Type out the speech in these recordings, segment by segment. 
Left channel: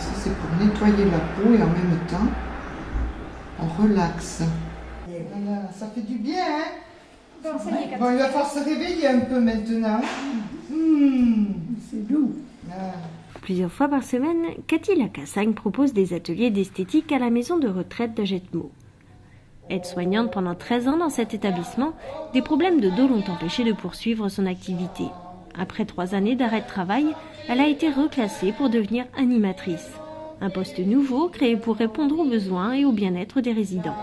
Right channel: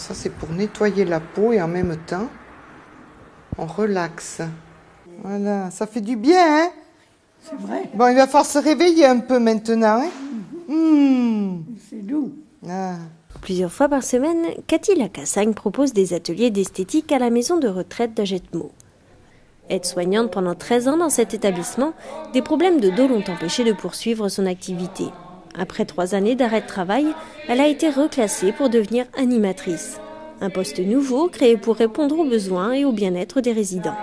Ça, c'est pour nettoyer la peau et en même temps, on relaxe. Voilà, ça fait du bien, hein? Bon, il va falloir se réveiller un peu maintenant. C'est doux. Ah. Plusieurs fois par semaine, Cathy Lacassagne propose des ateliers d'esthétique à la maison de retraite d'Agetmo. Aide-soignante pendant 13 ans dans cet établissement, des problèmes de dos l'ont empêchée de poursuivre son activité. Après 3 années d'arrêt de travail, elle a été reclassée pour devenir animatrice. Un poste nouveau créé pour répondre aux besoins et au bien-être des résidents.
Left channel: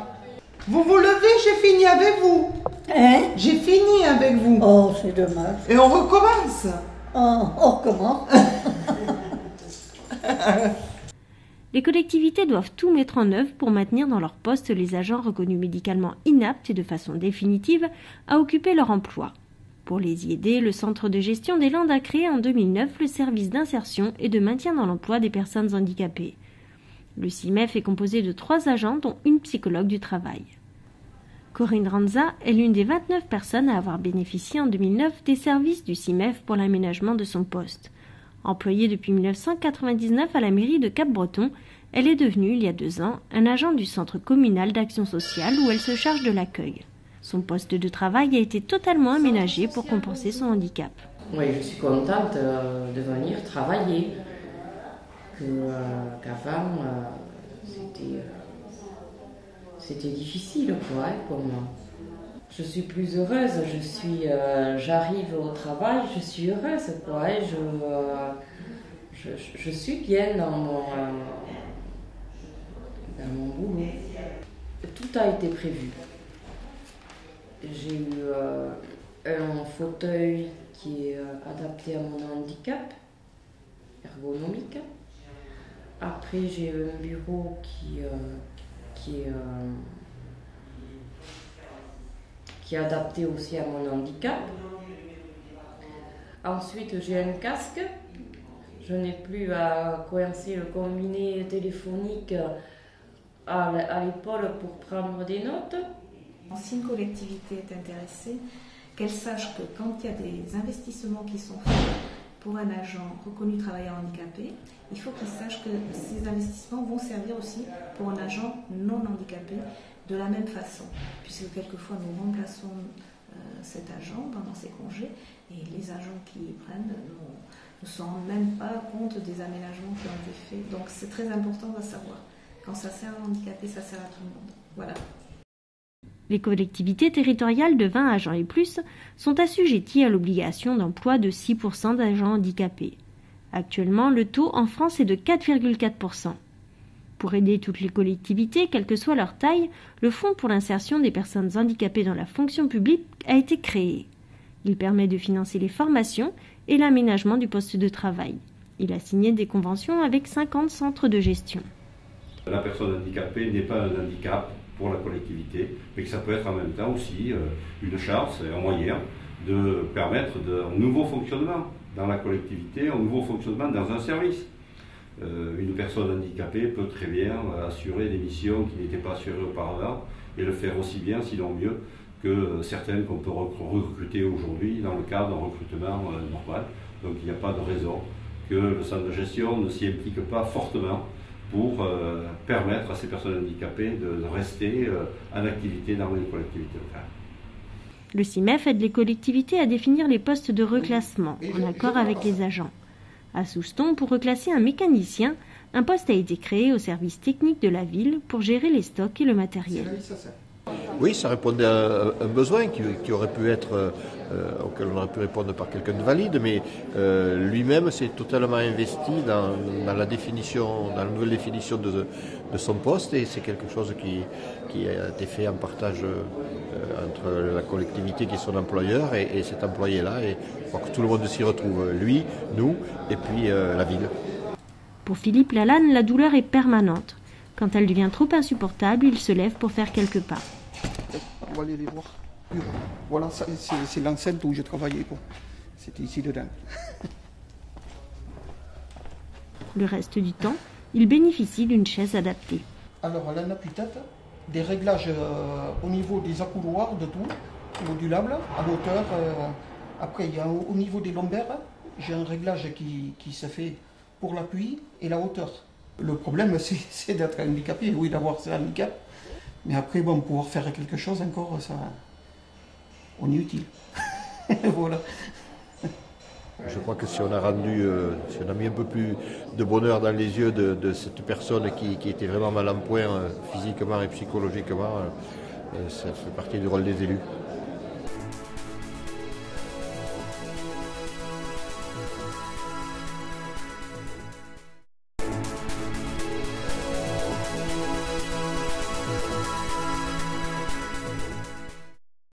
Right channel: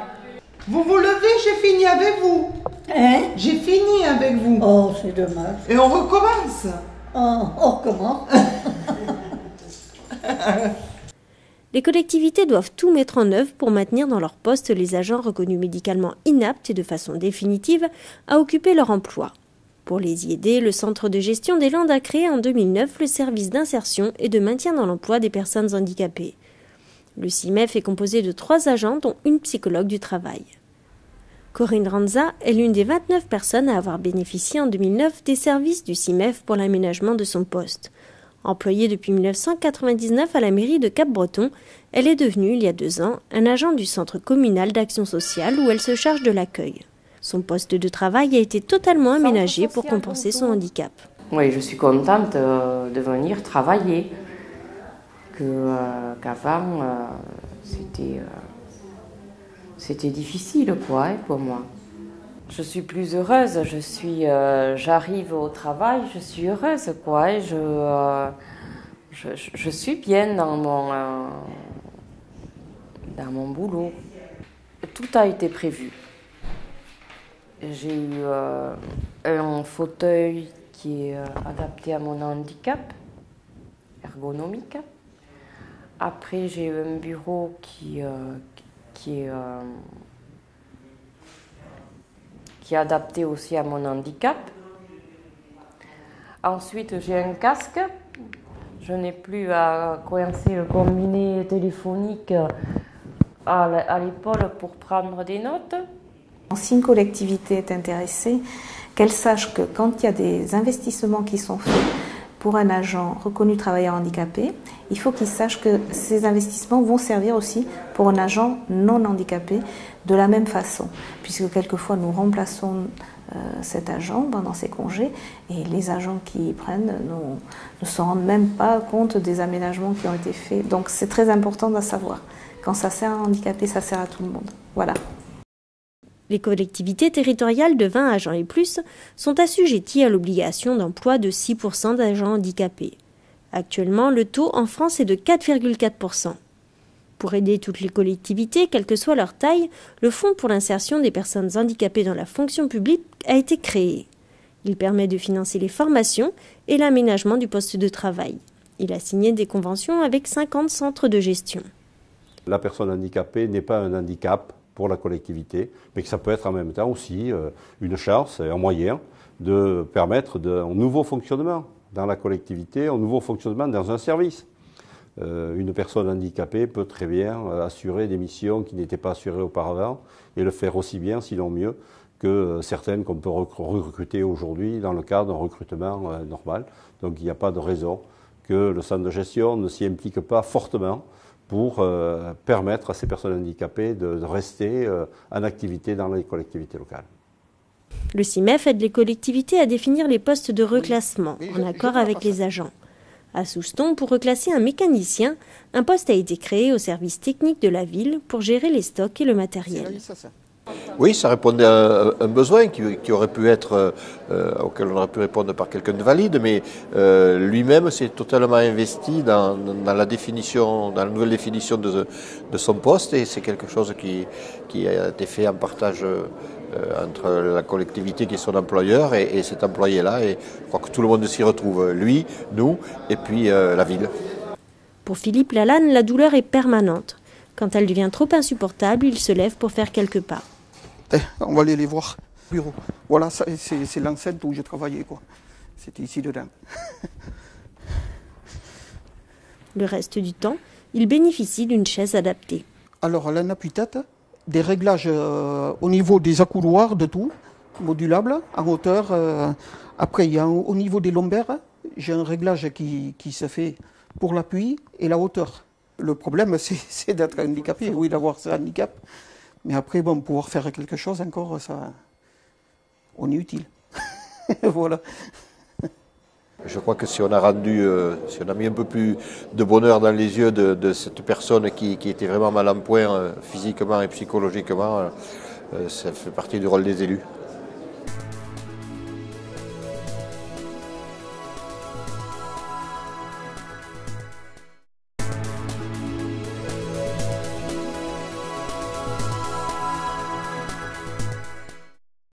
Vous vous levez, j'ai fini avec vous. Hein? J'ai fini avec vous. Oh, c'est dommage. Et on recommence. Oh, on recommence. Les collectivités doivent tout mettre en œuvre pour maintenir dans leur poste les agents reconnus médicalement inaptes et de façon définitive à occuper leur emploi. Pour les y aider, le Centre de gestion des Landes a créé en 2009 le service d'insertion et de maintien dans l'emploi des personnes handicapées. Le CIMEF est composé de 3 agents, dont une psychologue du travail. Corinne Ranza est l'une des 29 personnes à avoir bénéficié en 2009 des services du CIMEF pour l'aménagement de son poste. Employée depuis 1999 à la mairie de Cap-Breton, elle est devenue, il y a 2 ans, un agent du centre communal d'action sociale où elle se charge de l'accueil. Son poste de travail a été totalement aménagé pour compenser son handicap. Oui, je suis contente de venir travailler. Qu'avant, c'était difficile pour moi. Je suis plus heureuse, j'arrive au travail, je suis heureuse, et je suis bien dans mon boulot. Tout a été prévu. J'ai eu un fauteuil qui est adapté à mon handicap, ergonomique. Après, j'ai eu un bureau qui est adapté aussi à mon handicap. Ensuite, j'ai un casque. Je n'ai plus à coincer le combiné téléphonique à l'épaule pour prendre des notes. Si une collectivité est intéressée, qu'elle sache que quand il y a des investissements qui sont faits pour un agent reconnu travailleur handicapé, il faut qu'il sache que ces investissements vont servir aussi pour un agent non handicapé de la même façon, puisque quelquefois nous remplaçons cet agent pendant ses congés et les agents qui y prennent ne se rendent même pas compte des aménagements qui ont été faits. Donc c'est très important de savoir. Quand ça sert à un handicapé, ça sert à tout le monde. Voilà. Les collectivités territoriales de 20 agents et plus sont assujetties à l'obligation d'emploi de 6% d'agents handicapés. Actuellement, le taux en France est de 4,4%. Pour aider toutes les collectivités, quelle que soit leur taille, le Fonds pour l'insertion des personnes handicapées dans la fonction publique a été créé. Il permet de financer les formations et l'aménagement du poste de travail. Il a signé des conventions avec 50 centres de gestion. La personne handicapée n'est pas un handicap pour la collectivité, mais que ça peut être en même temps aussi une chance, un moyen de permettre un nouveau fonctionnement dans la collectivité, un nouveau fonctionnement dans un service. Une personne handicapée peut très bien assurer des missions qui n'étaient pas assurées auparavant et le faire aussi bien, sinon mieux, que certaines qu'on peut recruter aujourd'hui dans le cadre d'un recrutement normal. Donc il n'y a pas de raison que le centre de gestion ne s'y implique pas fortement pour permettre à ces personnes handicapées de rester en activité dans les collectivités locales. Le CIMEF aide les collectivités à définir les postes de reclassement en accord avec les agents. À Souston, pour reclasser un mécanicien, un poste a été créé au service technique de la ville pour gérer les stocks et le matériel. Oui, ça répondait à un besoin qui aurait pu être, auquel on aurait pu répondre par quelqu'un de valide, mais lui-même s'est totalement investi dans la définition, dans la nouvelle définition de son poste, et c'est quelque chose qui a été fait en partage entre la collectivité qui est son employeur et cet employé-là, et je crois que tout le monde s'y retrouve, lui, nous, et puis la ville. Pour Philippe Lalanne, la douleur est permanente. Quand elle devient trop insupportable, il se lève pour faire quelques pas. On va aller les voir. Voilà, c'est l'enceinte où j'ai travaillé, quoi. C'était ici dedans. Le reste du temps, il bénéficie d'une chaise adaptée. Alors, elle a un appui-tête, des réglages au niveau des accoudoirs, de tout, modulable, à hauteur. Après, il y a au niveau des lombaires, j'ai un réglage qui se fait pour l'appui et la hauteur. Le problème, c'est d'être handicapé, oui, d'avoir ce handicap. Mais après, bon, pouvoir faire quelque chose encore, ça, on est utile. Voilà. Je crois que si on a mis un peu plus de bonheur dans les yeux de cette personne qui était vraiment mal en point physiquement et psychologiquement, ça fait partie du rôle des élus.